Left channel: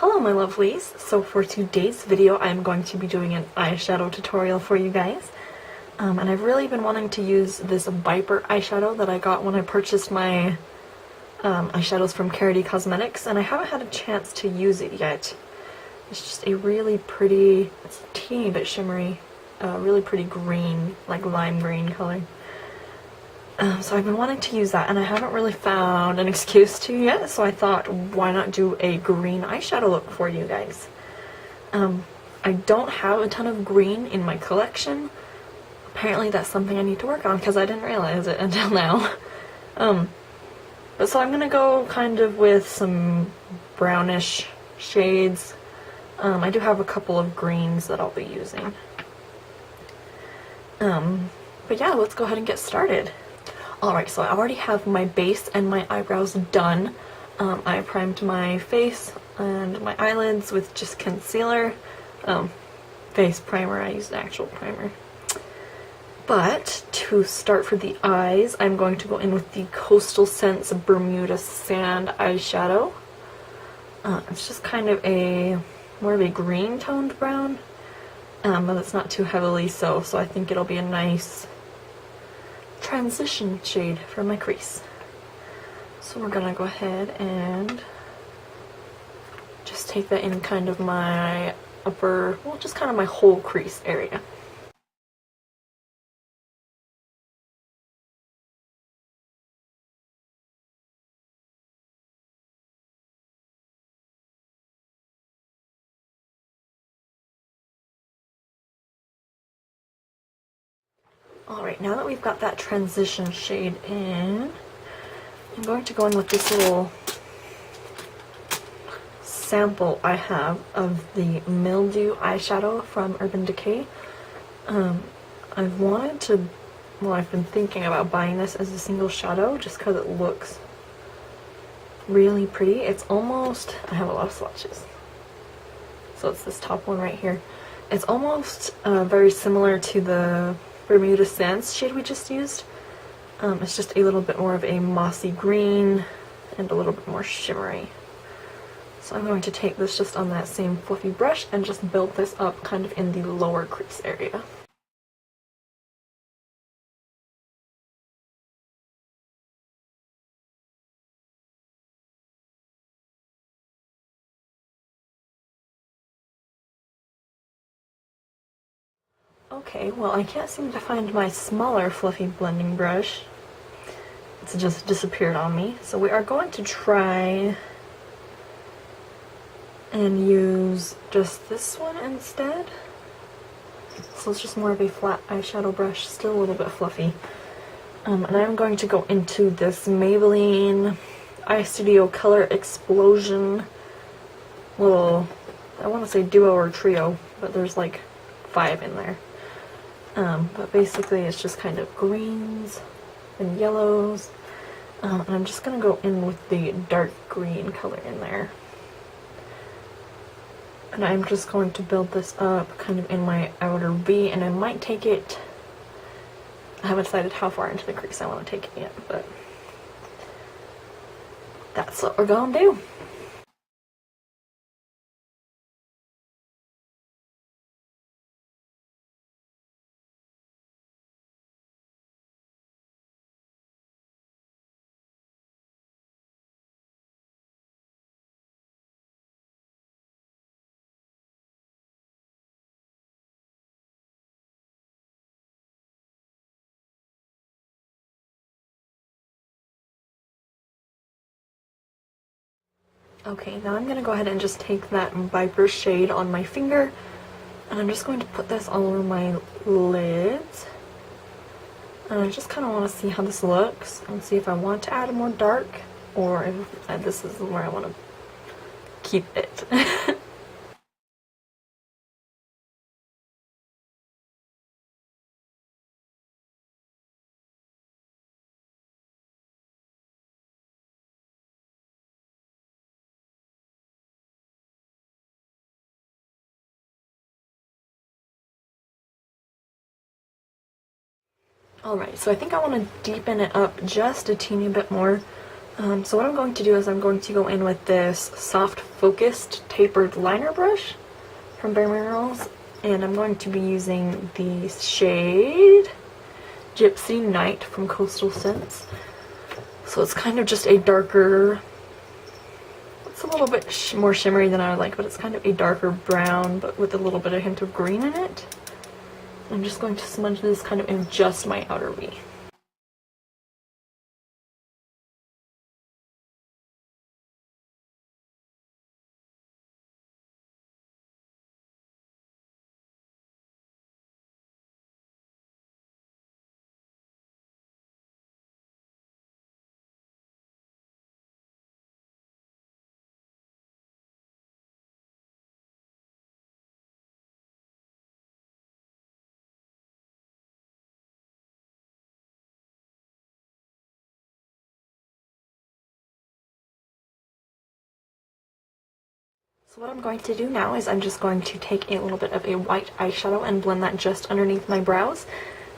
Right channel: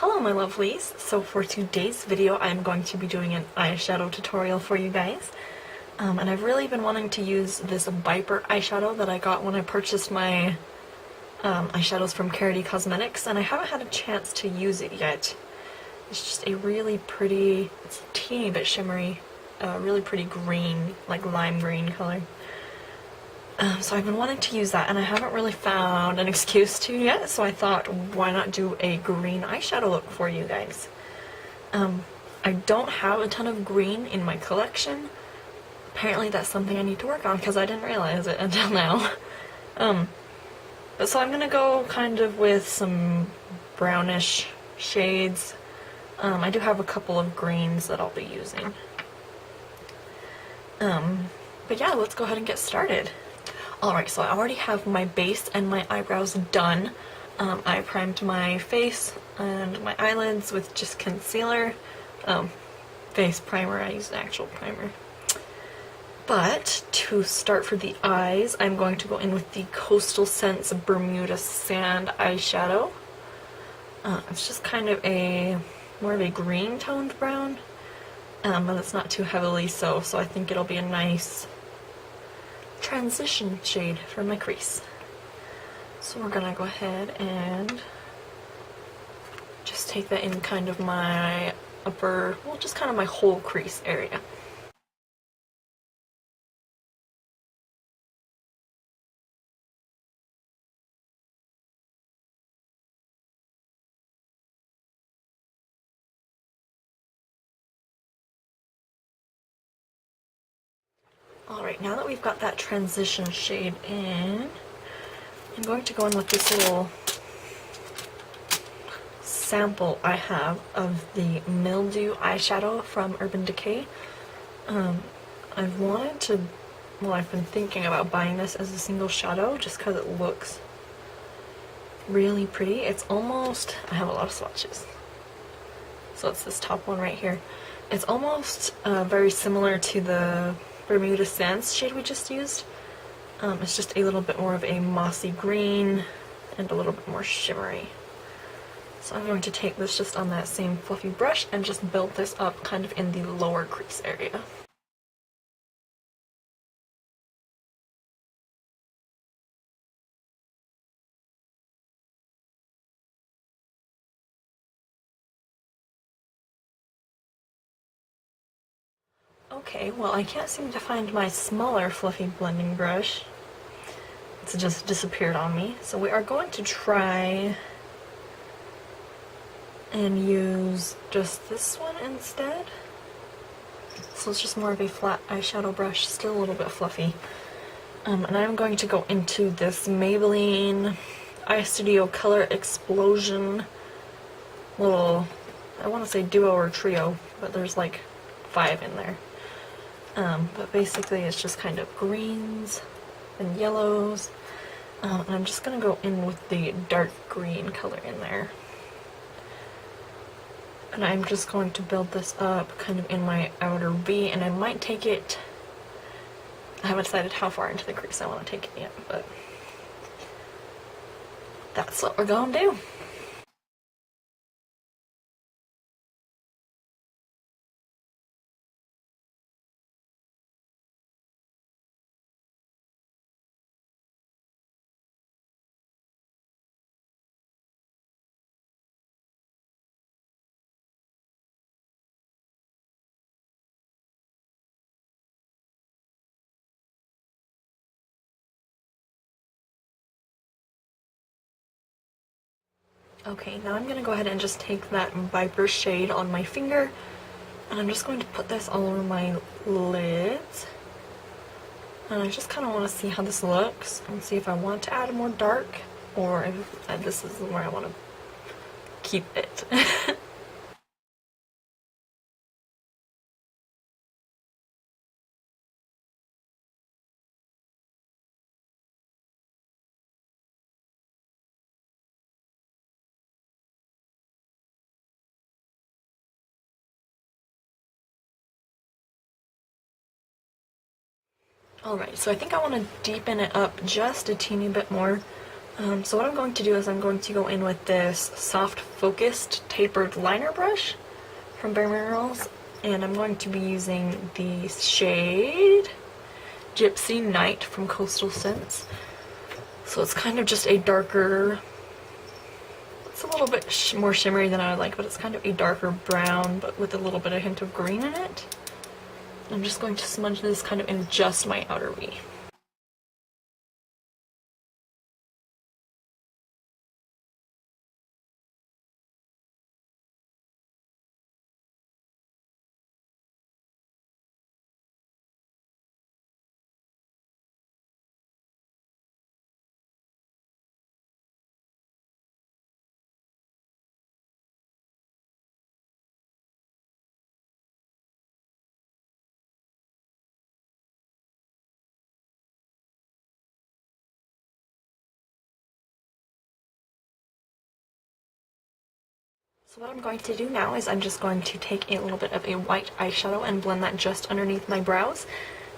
Hello my lovelies! So for today's video I'm going to be doing an eyeshadow tutorial for you guys. And I've really been wanting to use this Viper eyeshadow that I got when I purchased my eyeshadows from Karity Cosmetics, and I haven't had a chance to use it yet. It's just a really pretty, it's a teeny bit shimmery, really pretty green, like lime green color. So I've been wanting to use that and I haven't really found an excuse to yet, so I thought why not do a green eyeshadow look for you guys. I don't have a ton of green in my collection. Apparently that's something I need to work on because I didn't realize it until now. But so I'm gonna go kind of with some brownish shades. I do have a couple of greens that I'll be using. But yeah, let's go ahead and get started. Alright, so I already have my base and my eyebrows done. I primed my face and my eyelids with just concealer. Face primer, I used actual primer. But to start for the eyes, I'm going to go in with the Coastal Scents Bermuda Sand eyeshadow. It's just kind of more of a green toned brown, but it's not too heavily so I think it'll be a nice transition shade for my crease. So we're gonna go ahead and just take that in kind of my upper, well, just kind of my whole crease area. Alright, now that we've got that transition shade in, I'm going to go in with this little sample I have of the Mildew eyeshadow from Urban Decay. I've been thinking about buying this as a single shadow just because it looks really pretty. It's almost, I have a lot of swatches. So it's this top one right here. It's almost very similar to the Bermuda Sands shade we just used. It's just a little bit more of a mossy green and a little bit more shimmery. So I'm going to take this just on that same fluffy brush and just build this up kind of in the lower crease area. Okay, well I can't seem to find my smaller fluffy blending brush. It's just disappeared on me. So we are going to try and use just this one instead. So it's just more of a flat eyeshadow brush, still a little bit fluffy. And I'm going to go into this Maybelline Eyestudio Color Explosion little, I want to say duo or trio, but there's like 5 in there. But basically it's just kind of greens and yellows. And I'm just going to go in with the dark green color in there. And I'm just going to build this up kind of in my outer V, and I might take it, I haven't decided how far into the crease I want to take it yet, but that's what we're going to do. Okay, now I'm going to go ahead and just take that Viper shade on my finger, and I'm just going to put this all over my lids. And I just kind of want to see how this looks and see if I want to add more dark or if this is where I want to keep it. Alright, so I think I want to deepen it up just a teeny bit more. So what I'm going to do is I'm going to go in with this soft focused tapered liner brush from Bermuda, and I'm going to be using the shade Gypsy Night from Coastal Scents. So it's kind of just a darker, it's a little bit more shimmery than I would like, but it's kind of a darker brown, but with a little bit of hint of green in it. I'm just going to smudge this kind of in just my outer V. So what I'm going to do now is I'm just going to take a little bit of a white eyeshadow and blend that just underneath my brows.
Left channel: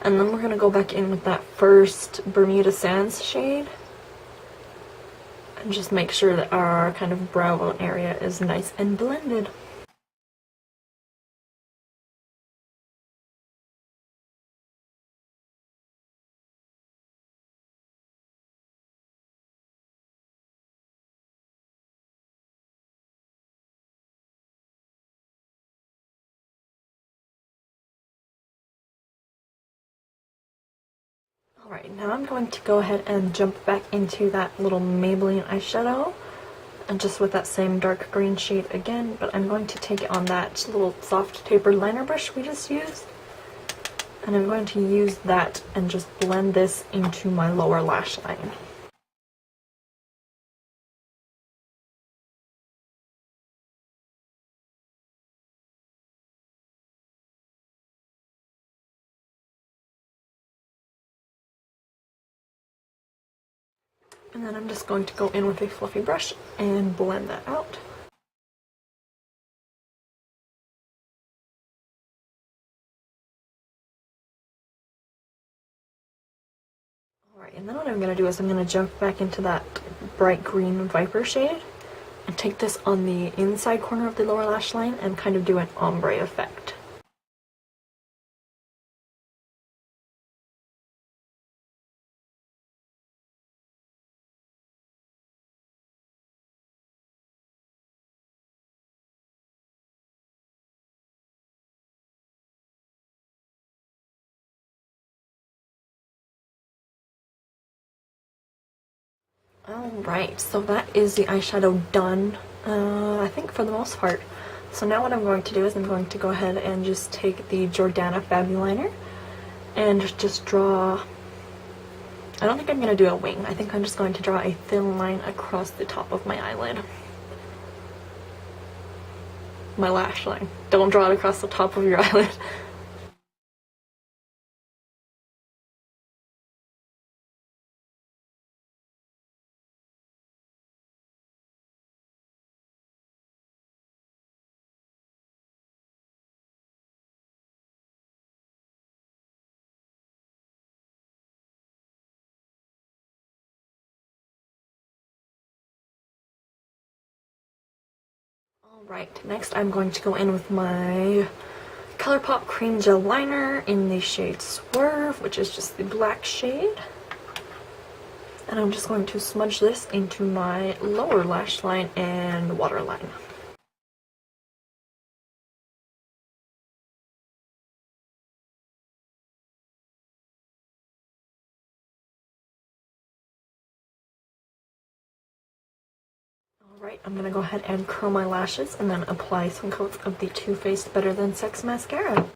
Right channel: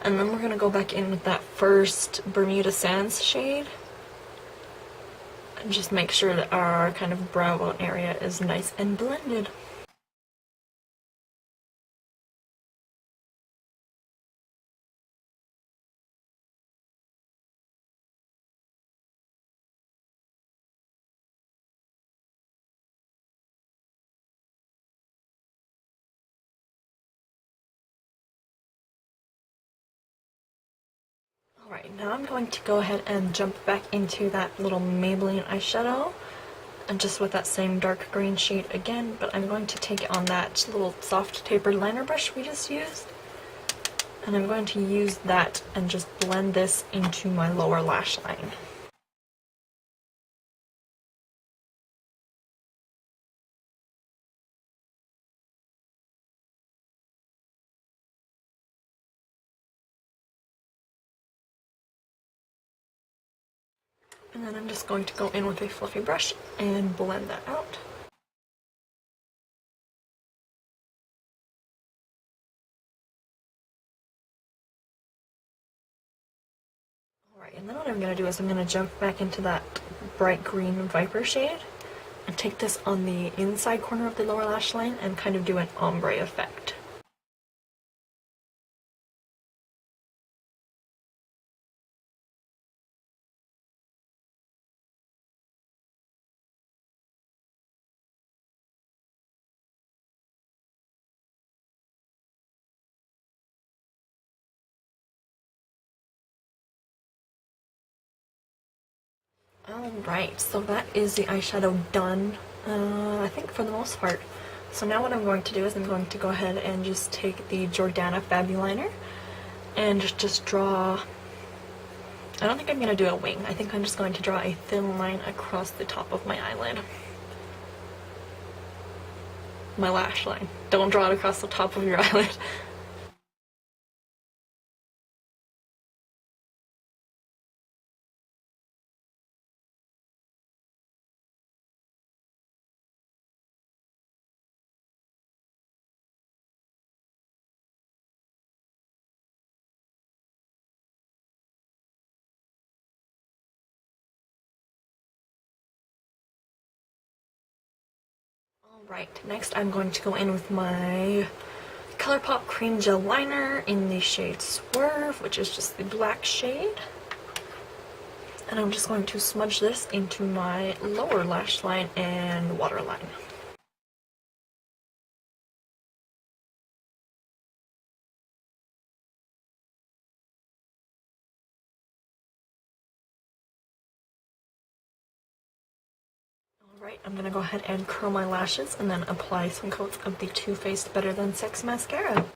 And then we're going to go back in with that first Bermuda Sands shade. And just make sure that our kind of brow bone area is nice and blended. Alright, now I'm going to go ahead and jump back into that little Maybelline eyeshadow, and just with that same dark green shade again, but I'm going to take it on that little soft tapered liner brush we just used, and I'm going to use that and just blend this into my lower lash line. And then I'm just going to go in with a fluffy brush and blend that out. Alright, and then what I'm going to do is I'm going to jump back into that bright green Viper shade and take this on the inside corner of the lower lash line and kind of do an ombre effect. Alright, so that is the eyeshadow done, I think for the most part. So now what I'm going to do is I'm going to go ahead and just take the Jordana Fabuliner and just draw, I don't think I'm going to do a wing, I think I'm just going to draw a thin line across the top of my eyelid. My lash line. Don't draw it across the top of your eyelid. Alright, next I'm going to go in with my ColourPop Cream Gel Liner in the shade Swerve, which is just the black shade. And I'm just going to smudge this into my lower lash line and waterline. Alright, I'm going to go ahead and curl my lashes and then apply some coats of the Too Faced Better Than Sex mascara.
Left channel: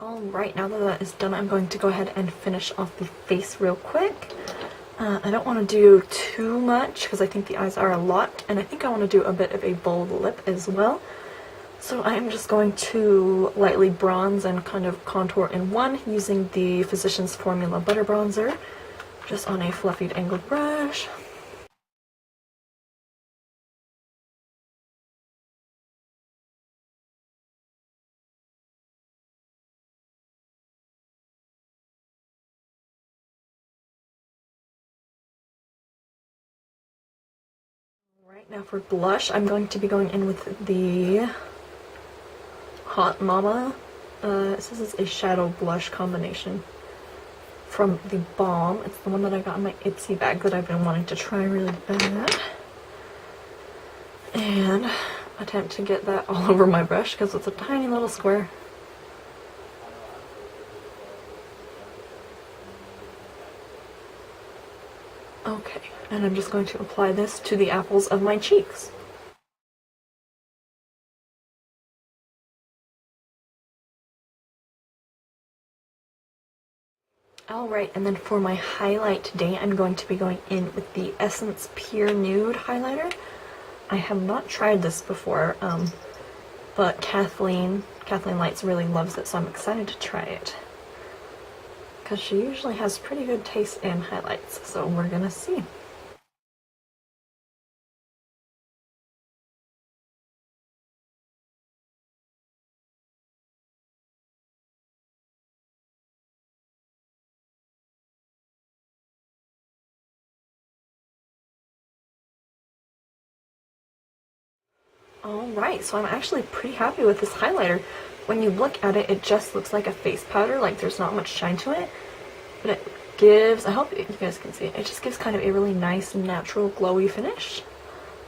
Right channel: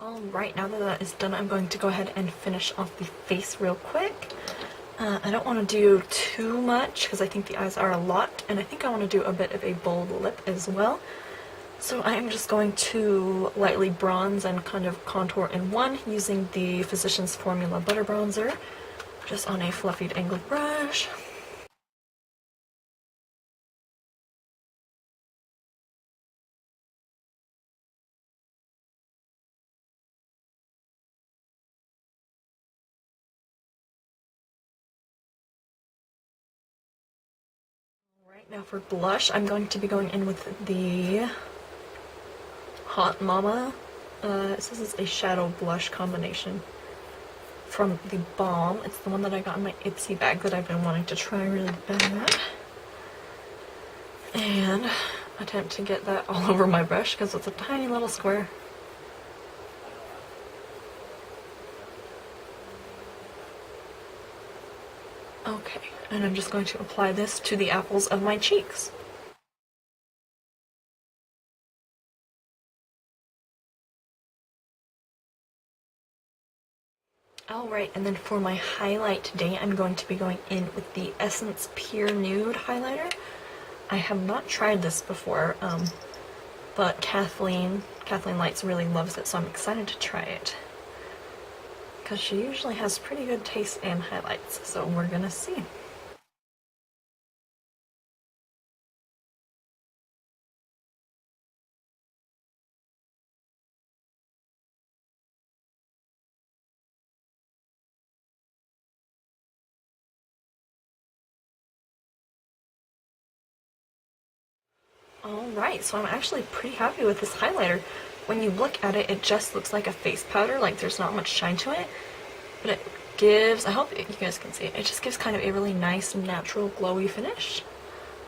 Alright, now that that is done, I'm going to go ahead and finish off the face real quick. I don't want to do too much because I think the eyes are a lot, and I think I want to do a bit of a bold lip as well. So I am just going to lightly bronze and kind of contour in one using the Physicians Formula Butter Bronzer, just on a fluffy angled brush. Right now for blush, I'm going to be going in with the Hot Mama. It says it's a shadow blush combination from the Balm. It's the one that I got in my Ipsy bag that I've been wanting to try really bad. And attempt to get that all over my brush because it's a tiny little square. Okay, and I'm just going to apply this to the apples of my cheeks. Alright, and then for my highlight today, I'm going to be going in with the Essence Pure Nude highlighter. I have not tried this before, but Kathleen Lights really loves it, so I'm excited to try it. Because she usually has pretty good taste in highlights, so we're gonna see. Alright, so I'm actually pretty happy with this highlighter. When you look at it, it just looks like a face powder, like there's not much shine to it. But it gives, I hope you guys can see it, it just gives kind of a really nice, natural, glowy finish.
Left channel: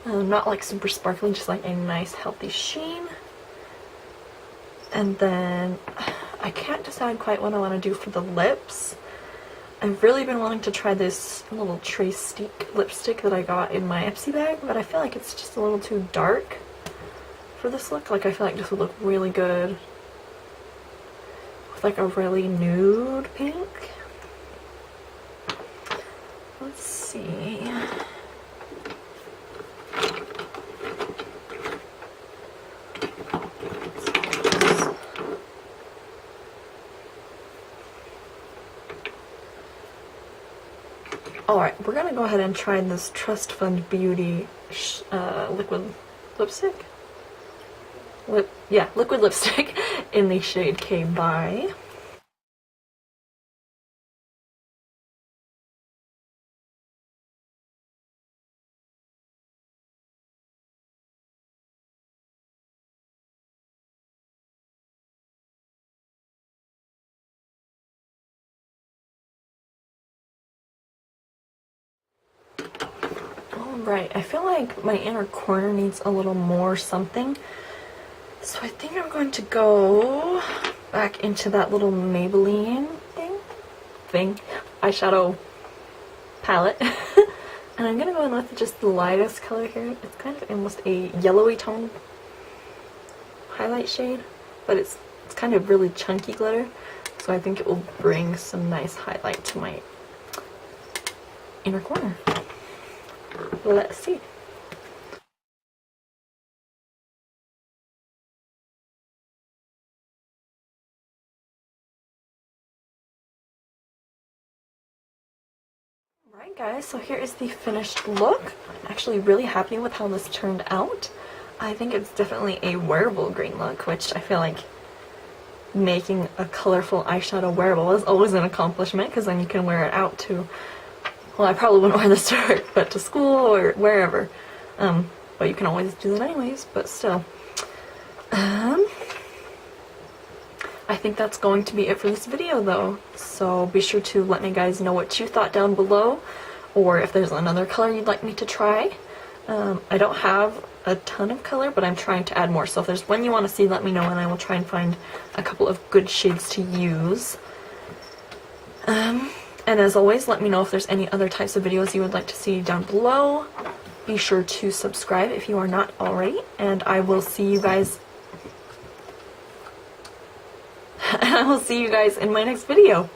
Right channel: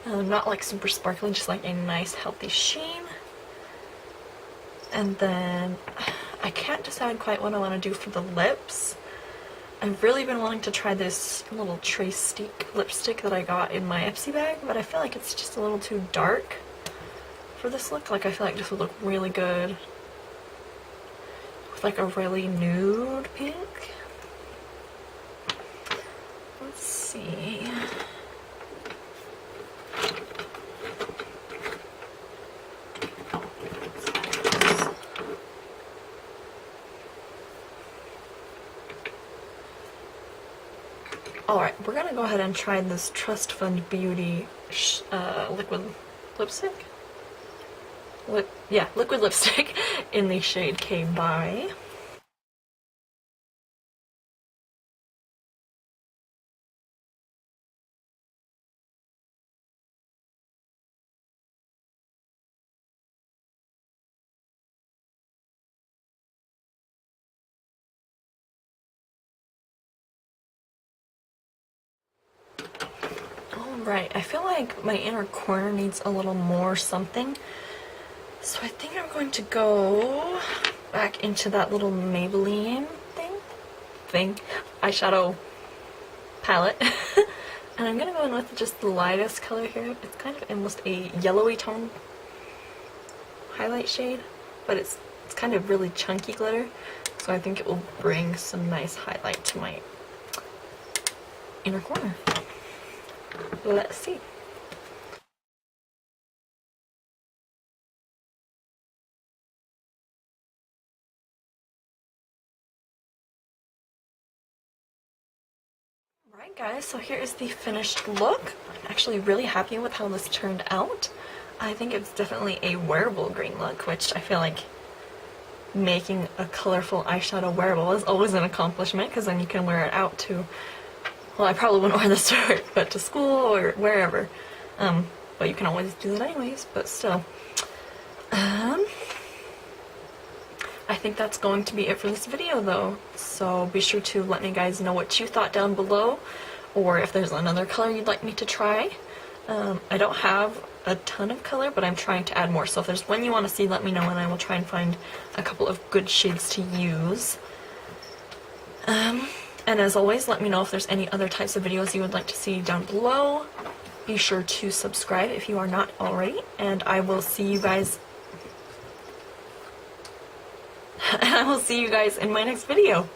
Not like super sparkly, just like a nice, healthy sheen. And then, I can't decide quite what I want to do for the lips. I've really been wanting to try this little Trace Stick lipstick that I got in my Ipsy bag, but I feel like it's just a little too dark for this look. Like, I feel like this would look really good with like a really nude pink. Let's see. Alright, we're gonna go ahead and try this Trust Fund Beauty liquid lipstick. Liquid lipstick in the shade K by. Alright, I feel like my inner corner needs a little more something. So I think I'm going to go back into that little Maybelline thing, eyeshadow palette. And I'm gonna go in with just the lightest color here. It's kind of almost a yellowy tone highlight shade, but it's kind of really chunky glitter. So I think it will bring some nice highlight to my inner corner. Let's see. Alright guys, so here is the finished look. I'm actually really happy with how this turned out. I think it's definitely a wearable green look, which I feel like making a colorful eyeshadow wearable is always an accomplishment, because then you can wear it out to, well, I probably wouldn't wear this to work, but to school or wherever. But you can always do that anyways, but still. I think that's going to be it for this video though, so be sure to let me guys know what you thought down below, or if there's another color you'd like me to try. I don't have a ton of color, but I'm trying to add more, so if there's one you want to see, let me know and I will try and find a couple of good shades to use. And as always, let me know if there's any other types of videos you would like to see down below. Be sure to subscribe if you are not already, and I will see you guys in my next video.